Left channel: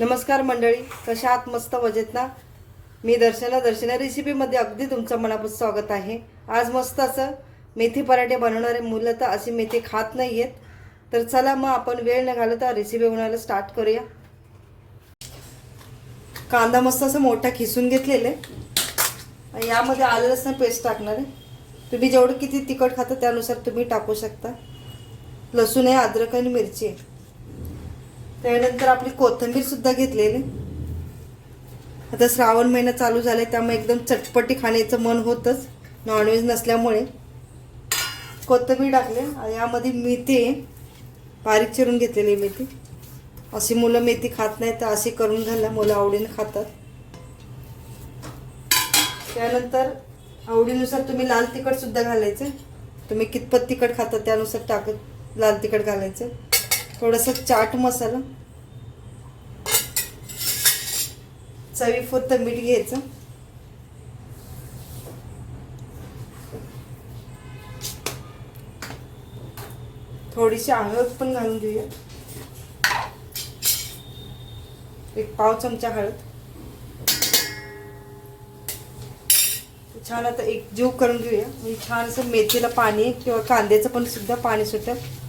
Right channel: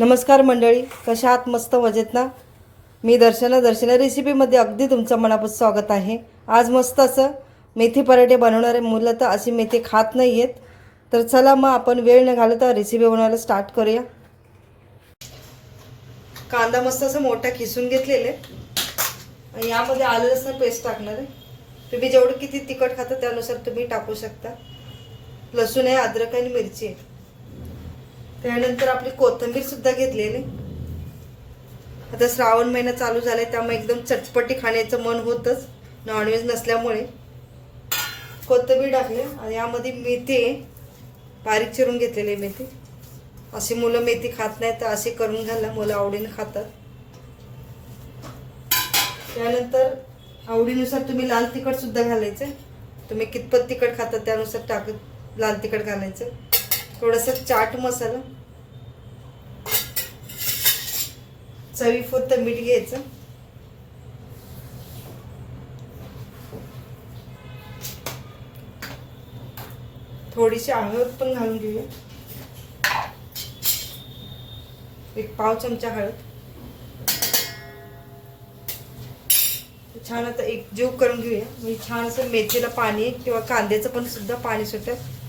नमस्कार मंडळी कशा आहात? मस्त मजेत ना? मी दर्शना दर्शना रेसिपीमध्ये अगदी तुमचं मनापासून स्वागत आहे. आज मस्त असं मेथी पराठे बनवणारे मुलं तर अशी मेथी खात नाही आहेत तर चला मग आपण वेळ न घालवता रेसिपी बनवायला स्टार्ट करूया. कांदा मस्त असं मोठा खिसून घेतलेले. यामध्ये आलं लसण पेस्ट टाकणार आहे. तुम्ही जेवढं किती तिखट खाता त्यानुसार तुम्ही टाकू शकता. लसूण आहे अद्रक आणि मिरची आहे. त्यानंतर आपली कोथिंबीर सुद्धा घेतलेली. आता श्रावण महिना चालू झालाय त्यामुळे एकदम चटपटी खाण्याचं मन होतच. नॉनव्हेज नसल्यामुळे. कोथिंबीर टाकली आणि यामध्ये मेथी बारीक चिरून घेतलेली मेथी. अशी मुलं मेथी खात नाही तर अशी करून घालणं मुलं आवडीने खातात. त्यानंतर आवडीनुसार तुम्ही लाल तिखट सुद्धा घालायचे. तुम्ही कितपत तिखट खाता त्यानुसार टाकत लाल तिखट घालायचं. थोडासा चाट मसाला. चवीपुरतं मीठ घ्यायचं. थोडीशी हळद पण घालून घेऊया. एक पाव चमचा हळद. छान आता एक जीव करून घेऊया. म्हणजे छान असं मेथीला पाणी किंवा कांद्याचं पण सुद्धा पाणी सुटत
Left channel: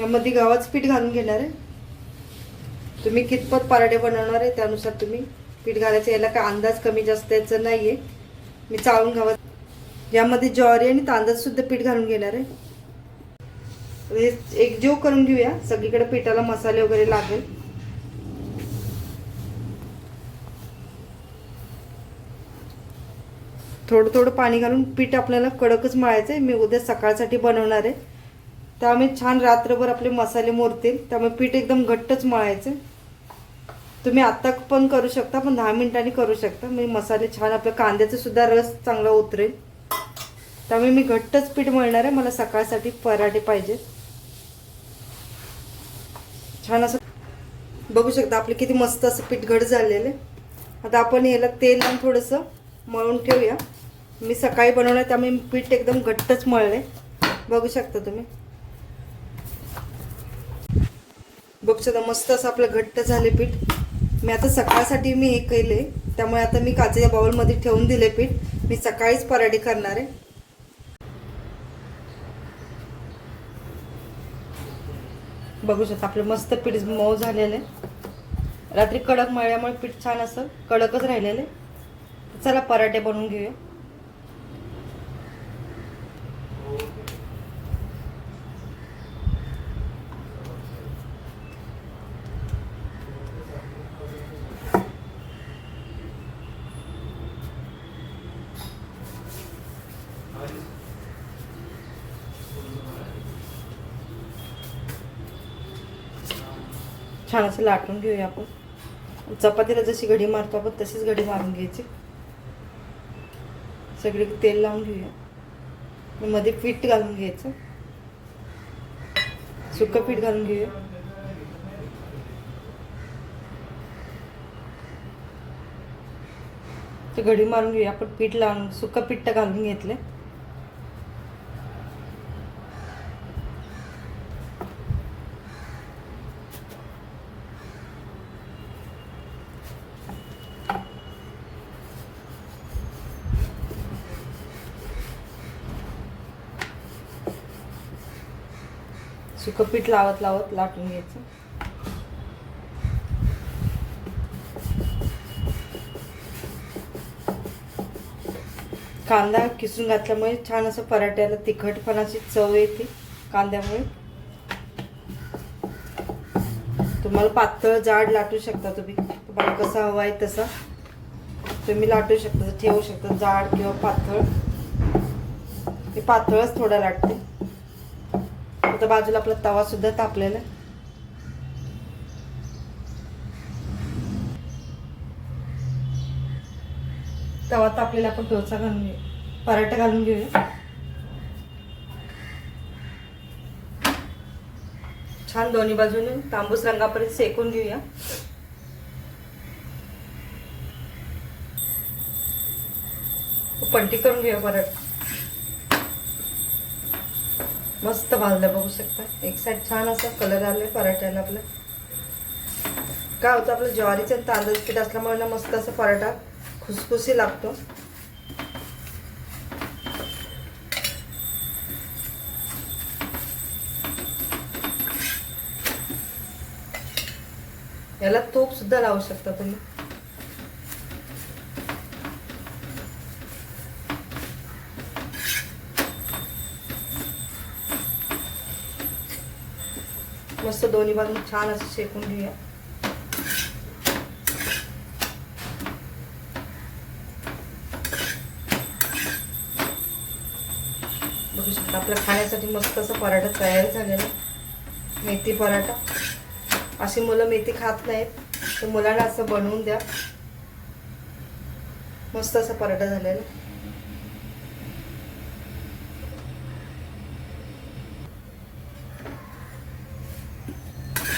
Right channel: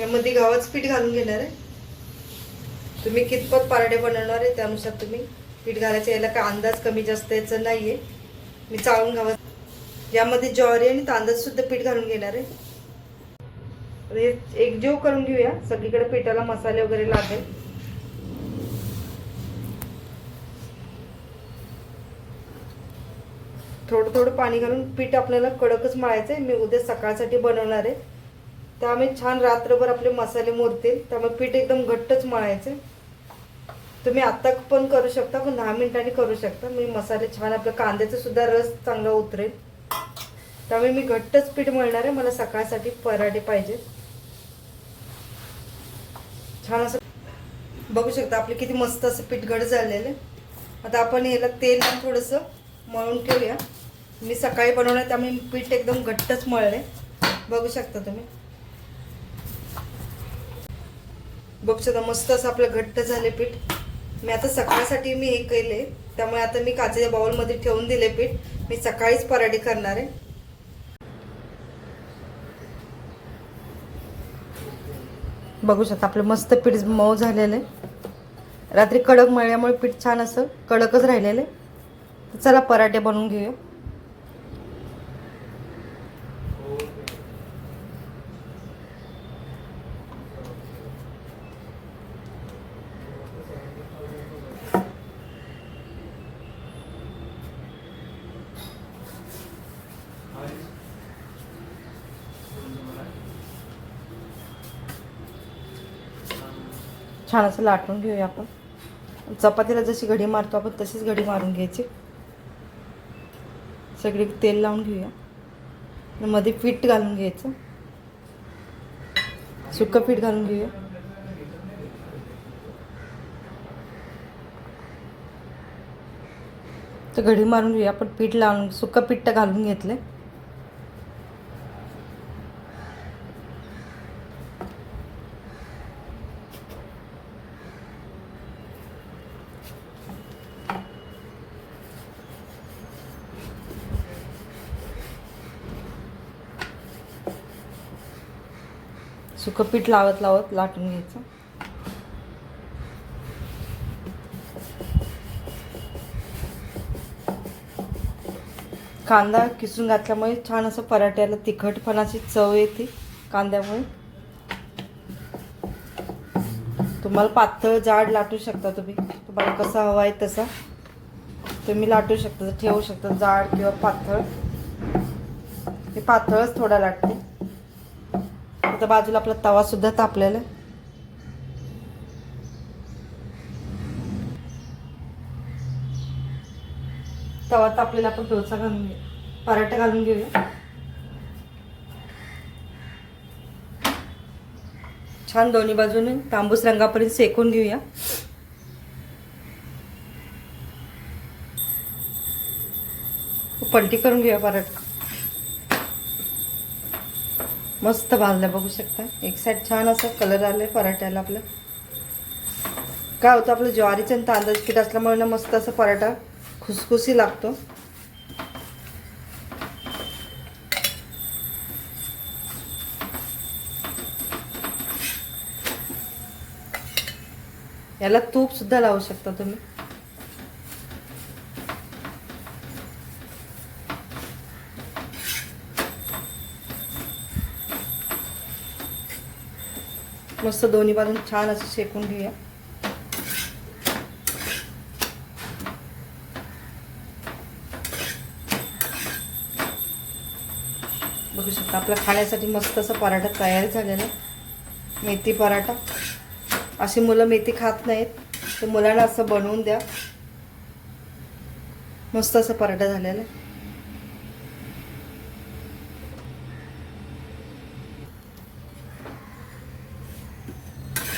यामध्ये गव्हाचं पीठ घालून घेणार आहे. तुम्ही कितपत पारडे बनवणार आहे त्यानुसार तुम्ही पीठ घालायचं. याला काय अंदाज कमी जास्त याचं आहे मी चाळून घावा यामध्ये ज्वारी आणि तांदळसुद्धा पीठ घालून घेणार आहे. एक जीव करून घेऊया. सगळीकडे पिठाला मसाले वगैरे लागेल. थोडं थोडं पाणी घालून पीठ आपल्याला कडकच मळायचं आहे मी उद्या सकाळसाठी बनवणार आहे. त्यामुळे छान रात्रभर आपले मसाले मोरतील त्यामुळे पीठ एकदम घट्टच मळायचे. तुम्ही आत्ता पण करू शकता पण दहा मिनिटांनी करू शकता. मी मसाले छान आपलं कांद्याचं सुद्धा रस चांगला उतरेल. त्यामुळे मी घट्टच पीठ मळणार आहे. मला सकाळसाठी पराठे पाहिजे. छान असं बघू शकता आपले किती मस्त असं पीठ घट झालेलं आहे. आता आपण याला तेल थोडंसं मळून ठेवूया. मी सकाळी बनवलं त्यामुळे पीठ एकदम घट्टच मळले बघू शकता तुम्ही. बघ शकता मस्त असं आपलं घट्ट झाले पीठ. मी आता सकाळसाठी मी हे केले. त्यामुळे आता मी काचेच्या बाउलमध्ये ठेवून दिले पीठ. मी सकाळीच पराठे करणार आहे. बघू शकता आपलं मस्त पीठ मऊ झालेलं आहे. रात्री कडक मळल्यामुळे पीठ छान असं कडकच राहिलेलं आहे. चला पराठे बनवून घेऊया. छान असं लाटून घेऊया आपण. चपातीला जशी घडी मारतो आपण तशीच घडी मारून घ्यायची. सगळी तेल लावून घेऊया. मध्ये पीठ घालून घ्यायचं. सुकं पीठ घालून घेऊया. तर घडी मारून घेऊया. आपण पीठ लावून सुकं पीठ घालून घेतलं सुकं पीठ लावत लावत लाटून घ्यायचं. कांदा किसून घातल्यामुळे छान असं पराठ्याला तिखटपणाची चव येते कांद्यामुळे. तुम्हाला पातळ जाड लाटू शकता तुम्ही. तुम्हाला कसा हवा आहे तसा. तुम्ही लाटू शकता ठेवू शकता जाड किंवा पातळ. मी पातळच थोडा लाटते. आता बाजूला आपला तवा सुद्धा तापलेला आहे. तवा तापलेला आपण डोसा घालून घेऊ. पराठा घालून घेऊया छान दोन्ही बाजूने तांबूस रंगापर्यंत सेकून घेऊया. पलटी करून घेऊया पराठा. मस्त भाजलं बघू शकता. एक साईड छान असा कलर आले पराठ्याला आपलं. काय होतं आपलं ज्वारीचं आणि तांदळाचं पीठ असल्यामुळे ना मस्त असं पराठा खुसखुशी लागतो. याला तूप सुद्धा लावू शकता तुम्ही. मस्त दोन्ही बाजून छान असं शेकून घेऊया. बघू शकता आपल्या खाण्यासाठी मस्त असं पराठा तयार झालेला. आहे. मेथी पराठा. अशी मुलं मेथी खात नाहीत तर मुलांना असं बनवून द्या. मस्त असं पराठा झालेला.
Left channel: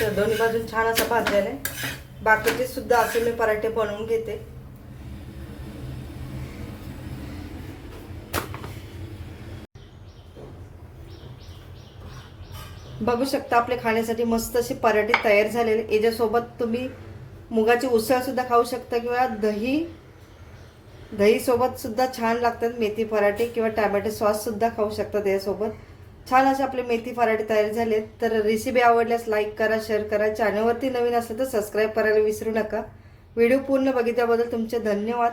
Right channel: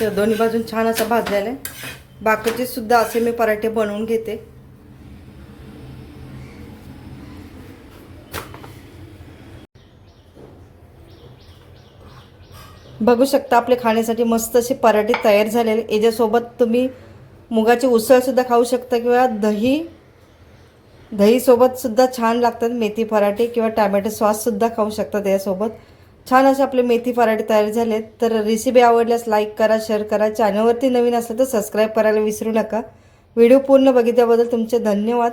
तर दोन्ही बाजून छान असं भाजलेलं आहे. बाकीचे सुद्धा असे मी पराठे बनवून घेते. बघू शकता आपले खाण्यासाठी मस्त असे पराठे तयार झालेले. याच्यासोबत तुम्ही मुगाची उसळ सुद्धा खाऊ शकता किंवा दही. दहीसोबतसुद्धा छान लागतात मेथी पराठे किंवा टॅमॅटो सॉस सुद्धा खाऊ शकता त्याच्यासोबत छान असे आपले मेथी पराठे तयार झाले तर रेसिपी आवडल्यास लाईक करा शेअर करा. चॅनलवरती नवीन असलं तर सबस्क्राईब करायला विसरू नका. व्हिडिओ पूर्ण बघितल्याबद्दल तुमचे धन्यवाद.